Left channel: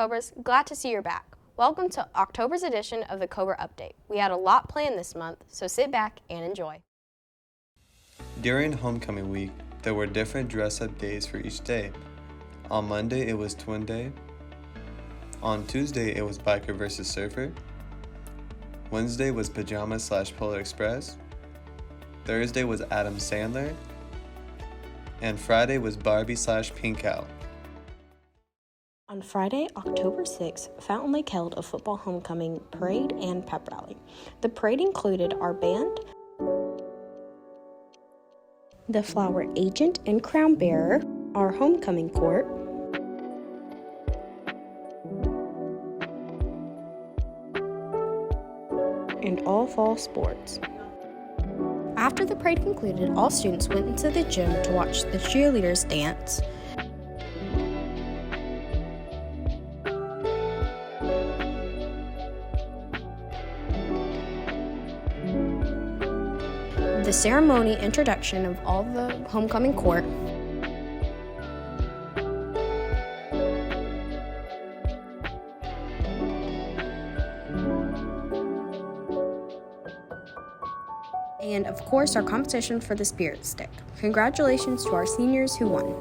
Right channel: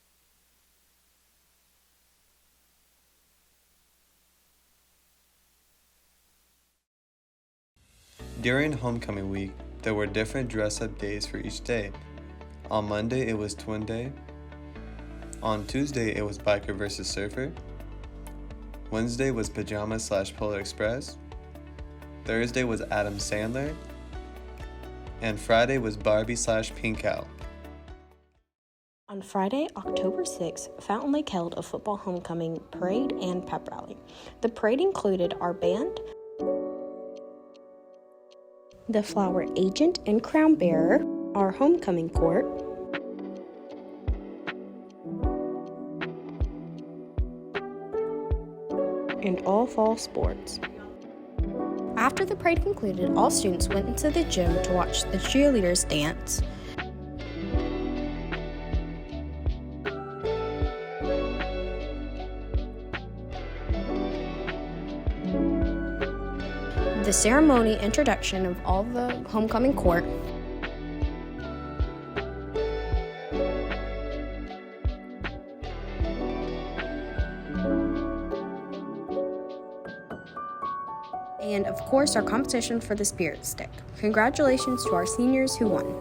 Cobras, glad to see you're back. Welcome to October's edition of the Cobra Update. We had a lot planned this month, so sit back and enjoy. During homecoming week, there were different dress-up days for each day. On Monday, it was Twin Day. On Tuesday, it was Biker vs. Surfer. Wednesday was Pajama/Polar Express. Thursday was Adam Sandler. And Friday was Barbie/Pink Cow. On Friday, October 6th, Fountain Lake held a football homecoming parade and pep rally. The parade included our band, the flower agent and crown bearer, our homecoming court, and all fall sports. After the parade concluded, all students went into the gym to watch the cheerleaders dance. The ceremony introduction of all the homecoming court, and of course our competition for the Spirit Stick. Congratulations to our seniors who won.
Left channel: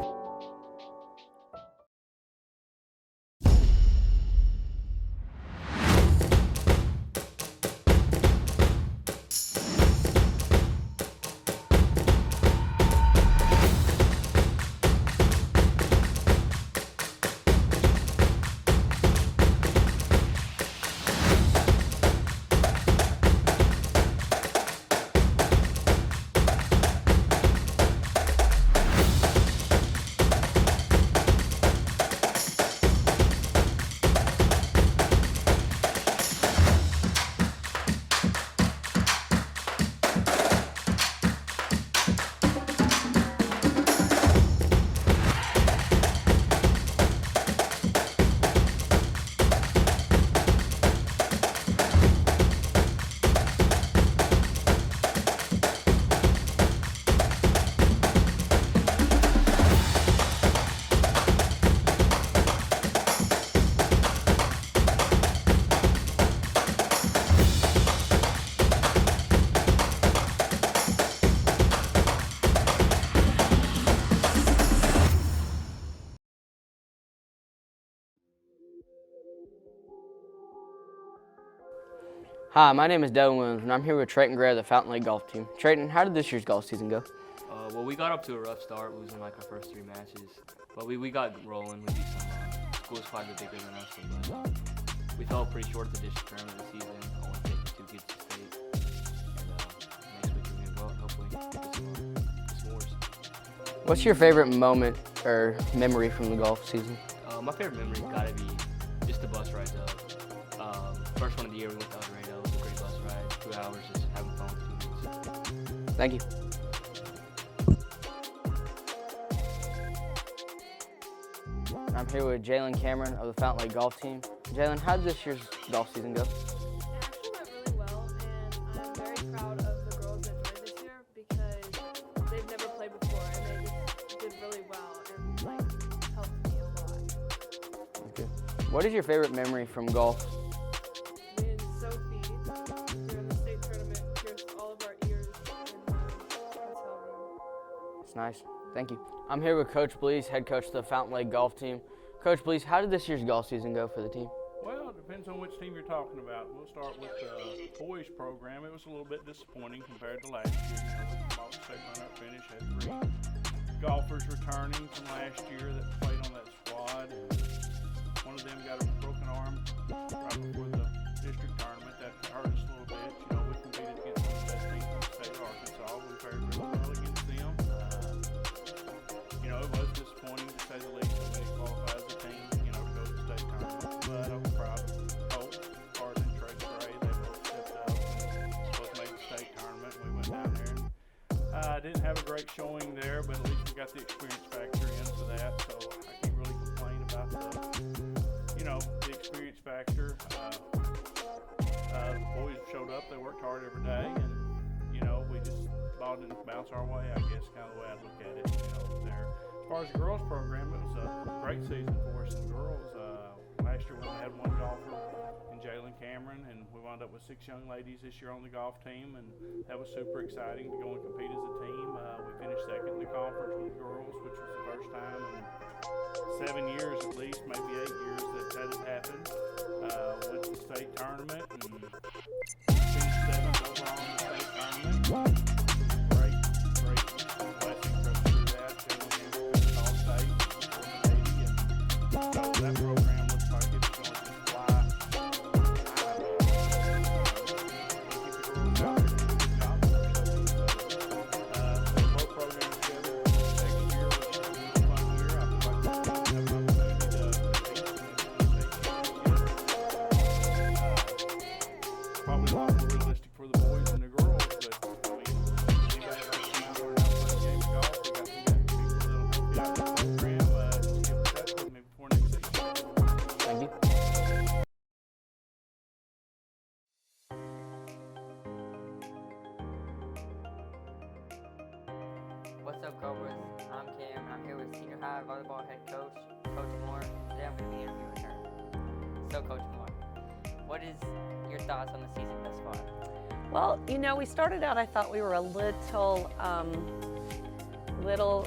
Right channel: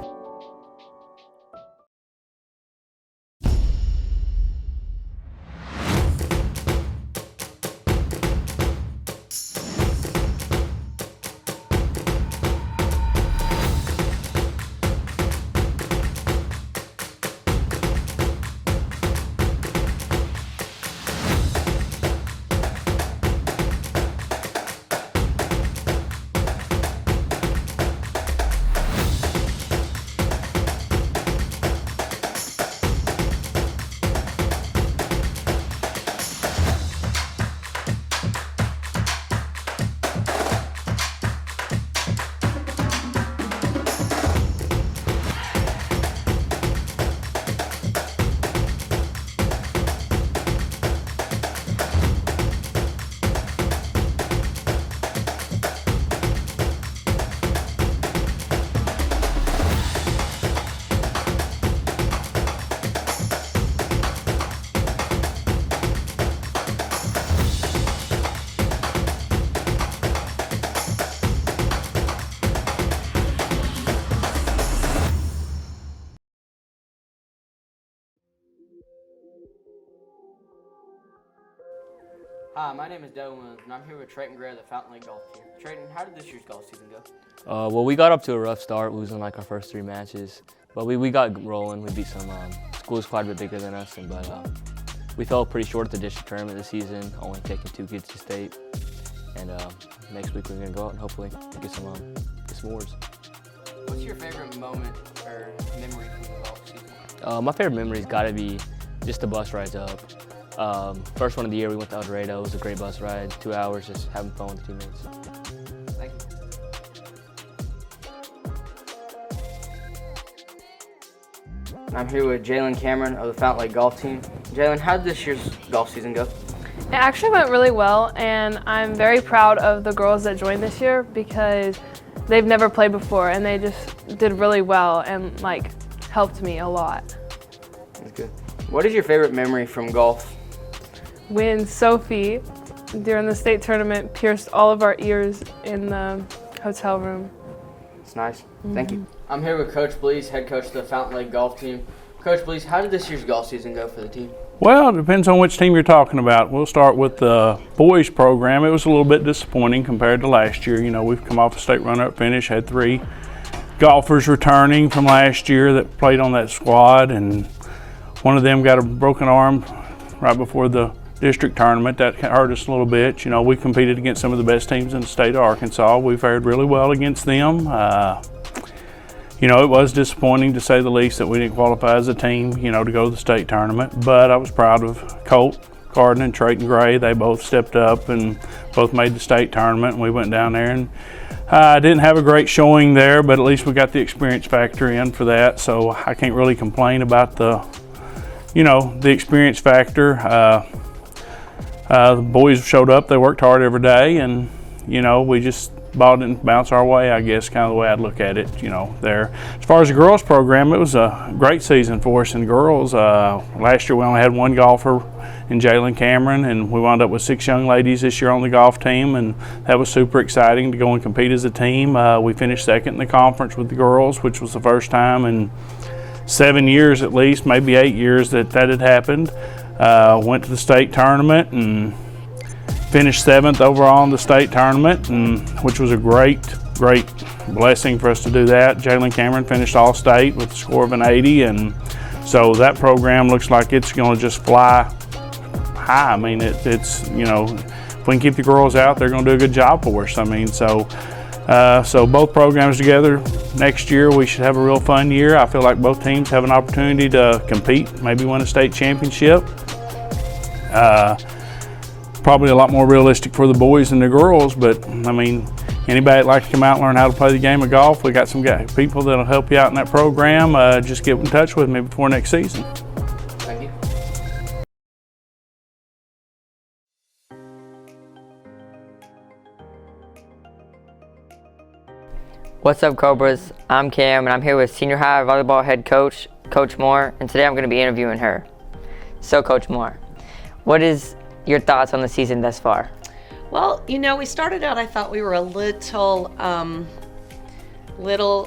Hi, my name is Devin Williams, and I'm here with Trayton Gray of the Fountain Lake golf team. Trayton, how did this year's golf season go? Well, we got up to a rough start, losing like our first 3 matches, but we got rolling. We beat some schools quite a bit bigger than us, but we fell pretty short at the district tournament this season, only taking 2 kids to state. And next week we're going to go out and hopefully get some awards. What's your favorite moment or memory from the golf season? My favorite memory's got to be just the bus rides up. First one of the year, we went to El Dorado. It was a great bus ride, 2 hours, just having fun with teammates. Thank you. I'm here with Jalen Cameron of the Fountain Lake golf team. Jalen, how did this year's golf season go? It actually went really well, and I'm very proud of the girls that joined this year because they've never played before, and they just did really well and helped me a lot. That's good. What is your favorite memory from golf? When Sophie, during the state tournament, pierced all of our ears in the hotel room. It's nice. Thank you. I'm here with Coach Blease, head coach of the Fountain Lake golf team. Coach Blease, how did this year's golf season go for the team? Well, it depends on which team you're talking about. We'll start with the boys program. It was a little bit disappointing compared to last year. You know, we've come off a state runner-up finish, had 3 golfers returning from last year that played on that squad, and one of them got a broken arm right before the district tournament. That hurt us a little bit. You know, we competed against some of the best teams in the state of Arkansas. We fared really well against them. You know, it was disappointing to say the least that we didn't qualify as a team, you know, to go to the state tournament, but I was proud of Colt Carden and Trayton Gray. They both stepped up and both made the state tournament, and we went down there and didn't have a great showing there, but at least we got the experience factor in for that, so I can't really complain about the experience factor. The boys showed up, they worked hard every day, and you know, we just ball didn't bounce our way, I guess, kind of the way I'd look at it, there. As far as the girls program, it was a great season for us in girls. Last year we only had one golfer in Jalen Cameron, and we wound up with 6 young ladies this year on the golf team, and that was super exciting to go and compete as a team. We finished second in the conference with the girls, which was the first time in 7 years at least, maybe 8 years that had happened. Went to the state tournament and finished 7th overall in the state tournament, which was a great blessing for us to do that. Jalen Cameron finished all state with a score of an 80, and so that program looks like it's going to just fly high. I mean, it's if we can keep the girls out, they're going to do a good job for us. I mean, so both programs together next year, we should have a real fun year. I feel like both teams have an opportunity to compete, maybe win a state championship. Probably a lot more realistic for the boys than the girls, but I mean, anybody that likes to come out and learn how to play the game of golf, we got some people that'll help you out in that program. Just get in touch with me before next season. Thank you. What's up, Cobras? I'm Cam, and I'm here with senior high volleyball head coach, Coach Moore, and today I'm going to be interviewing her. So, Coach Moore, what is your thoughts on the season thus far? Well, we started out, I thought we were a little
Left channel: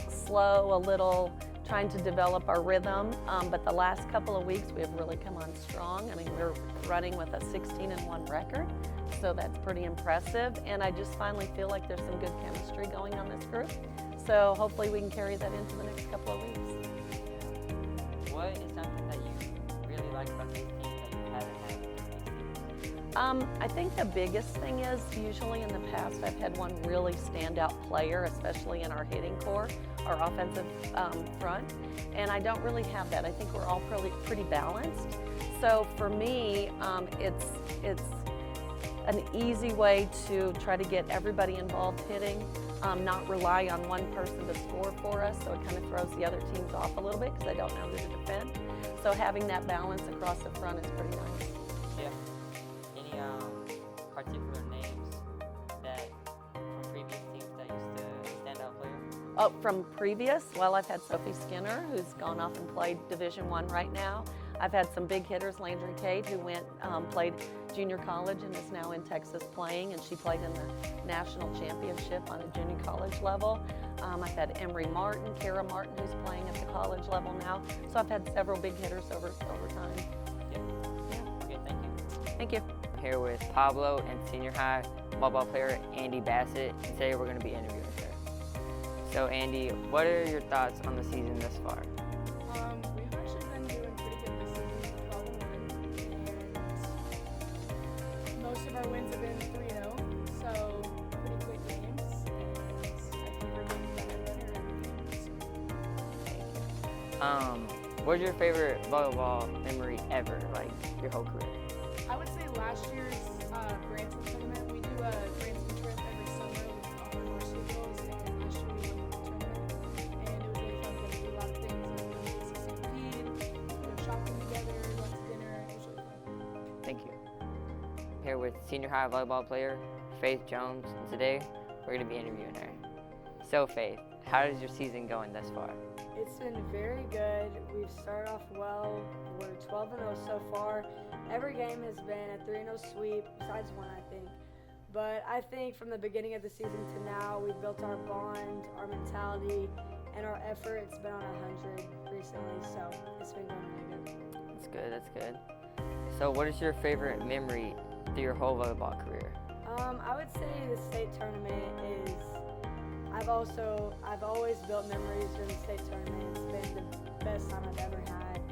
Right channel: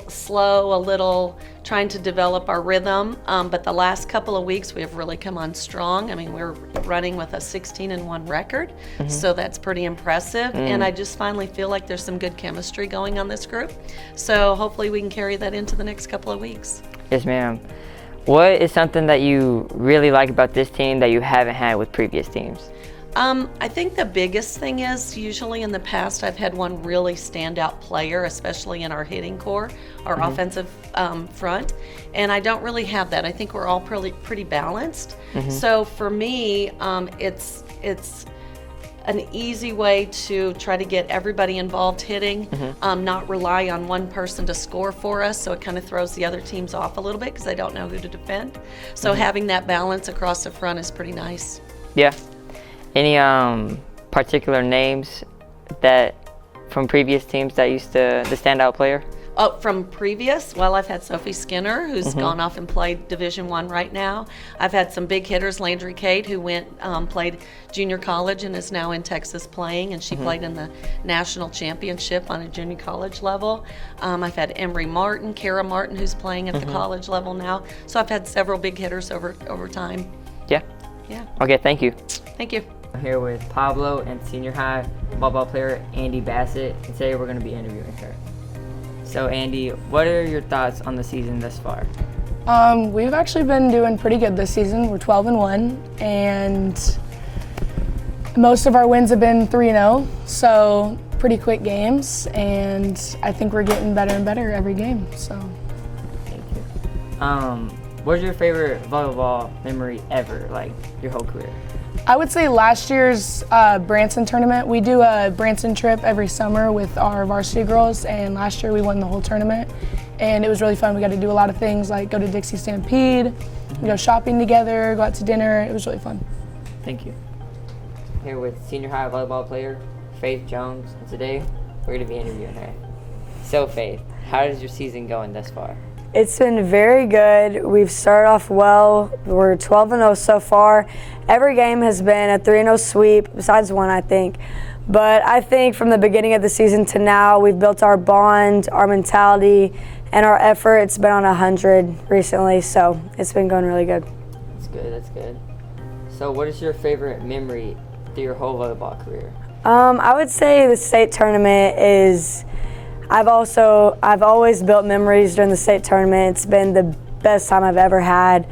slow, a little trying to develop our rhythm, but the last couple of weeks we have really come on strong. I mean, we're running with a 16-1 record, so that's pretty impressive, and I just finally feel like there's some good chemistry going on this group, so hopefully we can carry that into the next couple of weeks. Yes, ma'am. What is something that you really like about this team that you haven't had with previous teams? I think the biggest thing is, usually in the past I've had one really standout player, especially in our hitting core, our offensive front, and I don't really have that. I think we're all pretty balanced. So for me, it's an easy way to try to get everybody involved hitting, not rely on one person to score for us, so it kind of throws the other teams off a little bit because they don't know who to defend. So having that balance across the front is pretty nice. Yeah. Any particular names that from previous teams that used to the standout player? Oh, from previous? Well, I've had Sophie Skinner, who's gone off and played Division I right now. I've had some big hitters, Landry Cade, who played junior college and is now in Texas playing, and she played in the national championship on a junior college level. I've had Emery Martin, Kara Martin, who's playing at the college level now. So I've had several big hitters over time. Yeah. Yeah. Okay, thank you. Thank you. I'm here with Pablo and senior high volleyball player Andy Bassett, and today we're going to be interviewing her. So Andy, what are your thoughts on the season thus far? We've actually been doing pretty good this season. We're 12-1, and most of our wins have been 3-0, so pretty quick games, and I think we're getting better and better every game. So. Thank you. What's your favorite volleyball memory ever, like your whole career? I would say last year's Branson tournament. We do a Branson trip every summer with our varsity girls, and last year we won the whole tournament, and it was really fun. We got to do a lot of things like go to Dixie Stampede, go shopping together, go out to dinner. It was really fun. Thank you. I'm here with senior high volleyball player Faith Jones, and today we're going to be interviewing her. So Faith, how is your season going thus far? It's been very good. We've started off well. We're 12-0 so far. Every game has been a 3-0 sweep, besides one, I think. But I think from the beginning of the season to now, we've built our bond, our mentality, and our effort. It's been on 100 recently, so it's been going really good. That's good, that's good. So what is your favorite memory through your whole volleyball career? I would say the state tournament is, I've always built memories during the state tournament. It's been the best time I've ever had.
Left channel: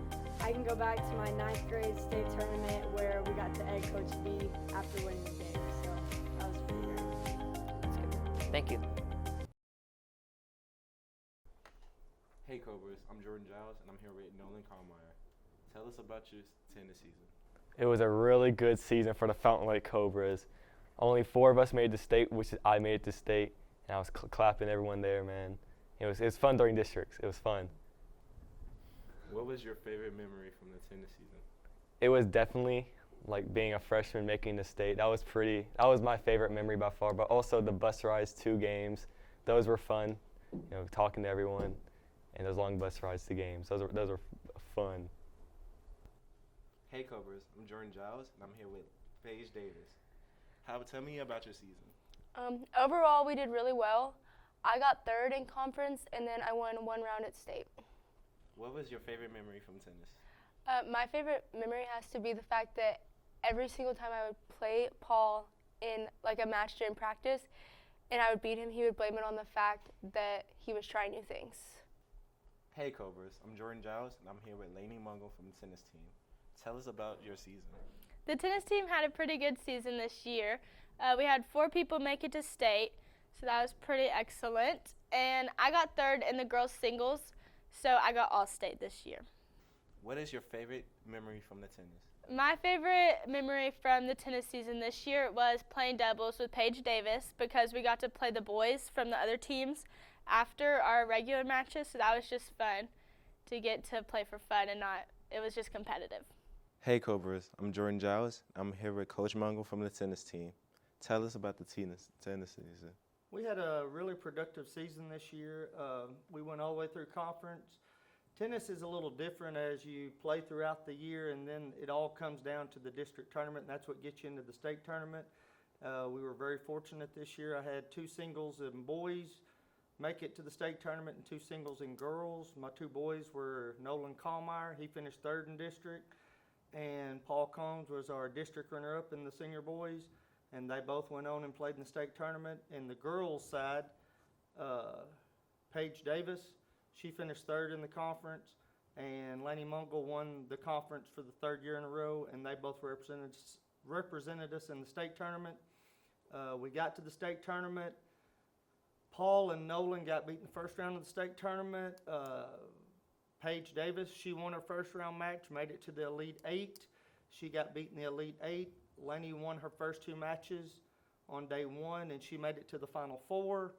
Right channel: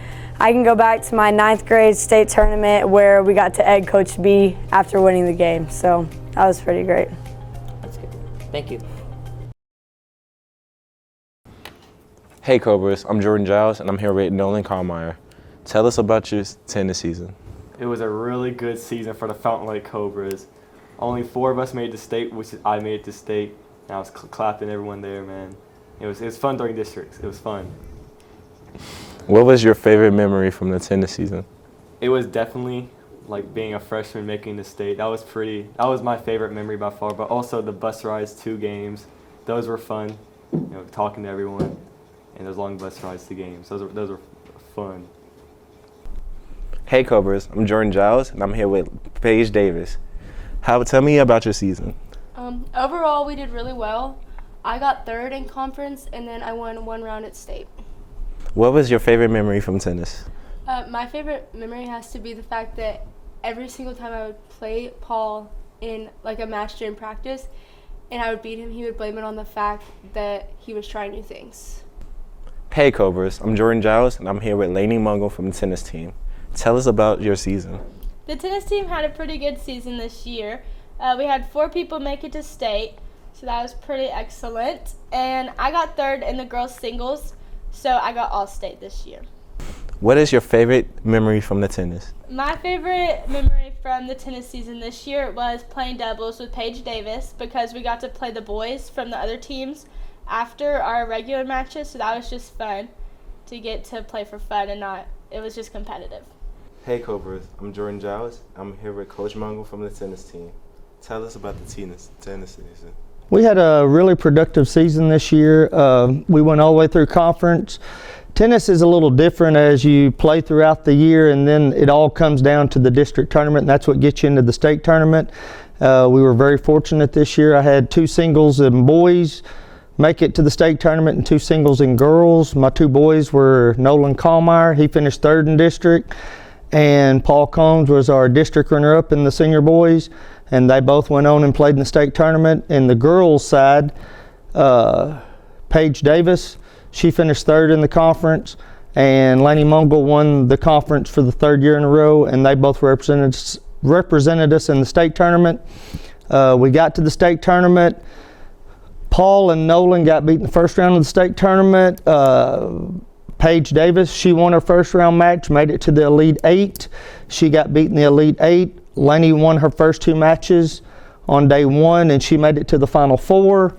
I can go back to my 9th grade state tournament where we got to egg Coach B after winning the game. So that was pretty great. That's good. Thank you. Hey Cobras, I'm Jordan Giles and I'm here with Nolan Carmeyer. Tell us about your tennis season. It was a really good season for the Fountain Lake Cobras. Only 4 of us made the state, which I made it to state. And I was clapping everyone there, man. It was fun during districts. It was fun. What was your favorite memory from the tennis season? It was definitely like being a freshman making the state. That was my favorite memory by far. But also the bus rides to games, those were fun. Talking to everyone, and those long bus rides to games. Those were fun. Hey Cobras, I'm Jordan Giles, and I'm here with Paige Davis. Tell me about your season. Overall, we did really well. I got third in conference, and then I won one round at state. What was your favorite memory from tennis? My favorite memory has to be the fact that every single time I would play Paul in like a match during practice, and I would beat him, he would blame it on the fact that he was trying new things. Hey Cobras, I'm Jordan Giles, and I'm here with Lainey Mungle from the tennis team. Tell us about your season. The tennis team had a pretty good season this year. We had 4 people make it to state, so that was pretty excellent. And I got third in the girls' singles, so I got all state this year. What is your favorite memory from the tennis? My favorite memory from the tennis season this year was playing doubles with Paige Davis, because we got to play the boys from the other teams after our regular matches, so that was just fun to get to play for fun and it was just competitive. Hey Cobras, I'm Jordan Giles. I'm here with Coach Mungle from the tennis team. Tell us about the tennis season. We had a really productive season this year. We went all the way through conference. Tennis is a little different as you play throughout the year, and then it all comes down to the district tournament, and that's what gets you into the state tournament. We were very fortunate this year. I had 2 singles in boys make it to the state tournament and 2 singles in girls. My 2 boys were Nolan Kallmeyer. He finished 3rd in district, and Paul Combs was our district runner-up in the senior boys, and they both went on and played in the state tournament. In the girls side, Paige Davis, she finished 3rd in the conference, and Lainey Mungle won the conference for the 3rd year in a row, and they both represented us in the state tournament. We got to the state tournament. Paul and Nolan got beat in the first round of the state tournament. Paige Davis, she won her first round match, made it to the Elite 8. She got beat in the Elite 8. Lainey won her first 2 matches on day 1, and she made it to the Final 4.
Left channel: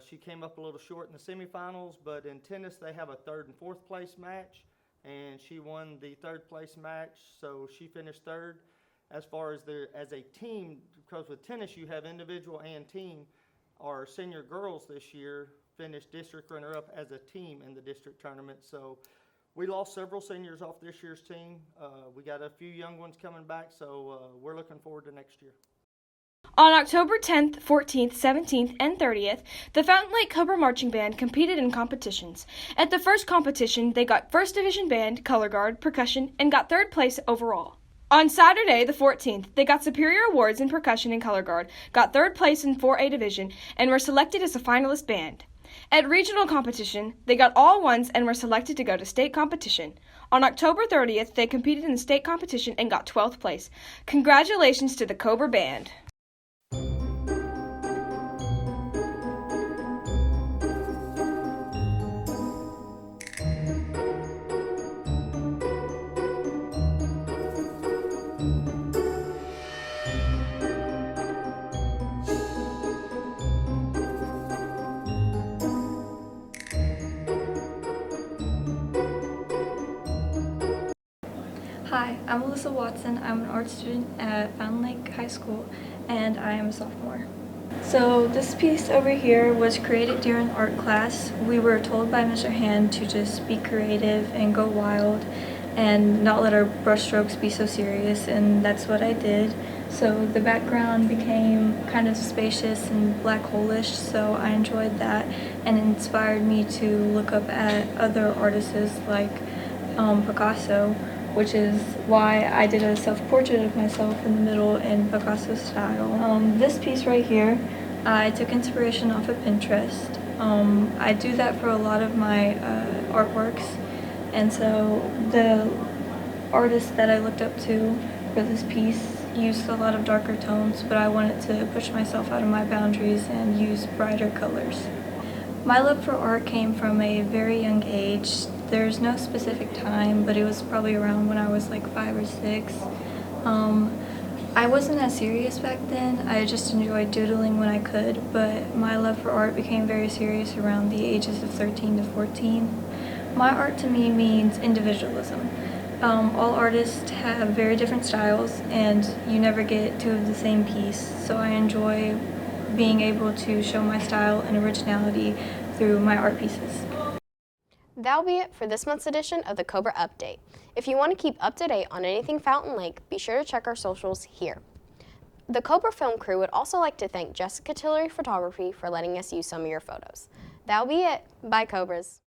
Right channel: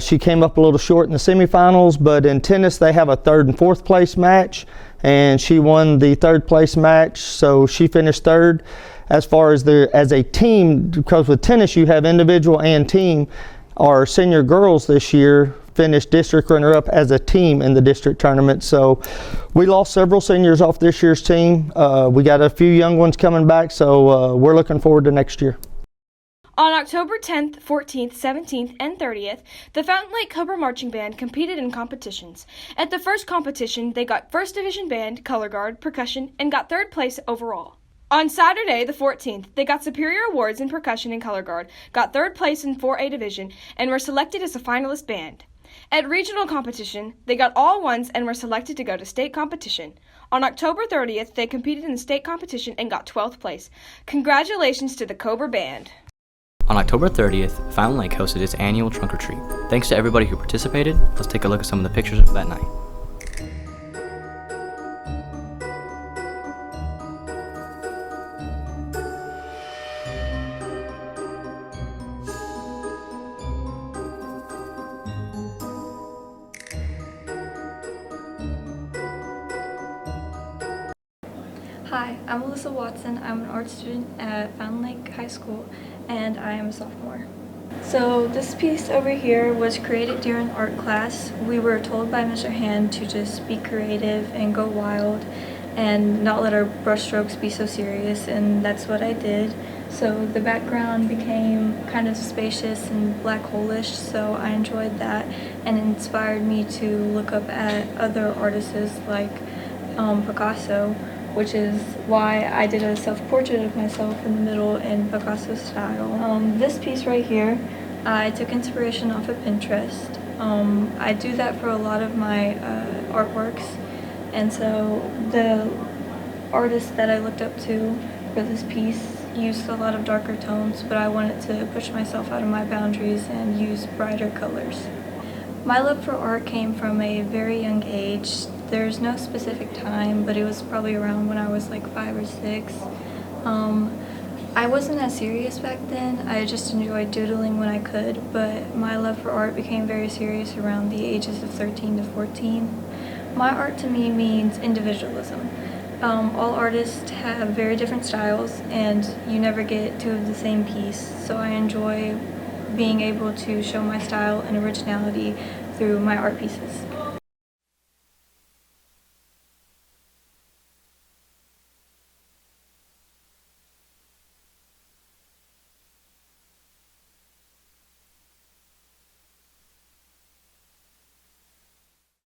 She came up a little short in the semifinals, but in tennis they have a 3rd and 4th place match, and she won the 3rd place match, so she finished 3rd. As far as as a team, because with tennis you have individual and team, our senior girls this year finished district runner-up as a team in the district tournament. So we lost several seniors off this year's team. We got a few young ones coming back, so we're looking forward to next year. On October 10th, 14th, 17th, and 30th, the Fountain Lake Cobra Marching Band competed in competitions. At the first competition, they got 1st Division Band, Color Guard, Percussion, and got 3rd place overall. On Saturday, the 14th, they got Superior Awards in Percussion and Color Guard, got 3rd place in 4A Division, and were selected as a finalist band. At regional competition, they got all 1s and were selected to go to state competition. On October 30th, they competed in the state competition and got 12th place. Congratulations to the Cobra Band. On October 30th, Fountain Lake hosted its annual trunk or treat. Thanks to everybody who participated. Let's take a look at some of the pictures of that night. Hi, I'm Alyssa Watson. I'm an art student at Fountain Lake High School, and I am a sophomore. So this piece over here was created during art class. We were told by Mr. Hand to just be creative and go wild and not let our brushstrokes be so serious, and that's what I did. So the background became kind of spacious and black hole-ish, so I enjoyed that, and it inspired me to look up at other artists like Picasso, which is why I did a self-portrait of myself in the middle in Picasso style. This piece right here, I took inspiration off of Pinterest. I do that for a lot of my artworks, and so the artist that I looked up to for this piece used a lot of darker tones, but I wanted to push myself out of my boundaries and use brighter colors. My love for art came from a very young age. There's no specific time, but it was probably around when I was like 5 or 6. I wasn't as serious back then. I just enjoyed doodling when I could, but my love for art became very serious around the ages of 13 to 14. My art to me means individualism. All artists have very different styles, and you never get two of the same piece, so I enjoy being able to show my style and originality through my art pieces. That'll be it for this month's edition of the Cobra Update. If you want to keep up to date on anything Fountain Lake, be sure to check our socials here. The Cobra film crew would also like to thank Jessica Tillery Photography for letting us use some of your photos. That'll be it. Bye, Cobras.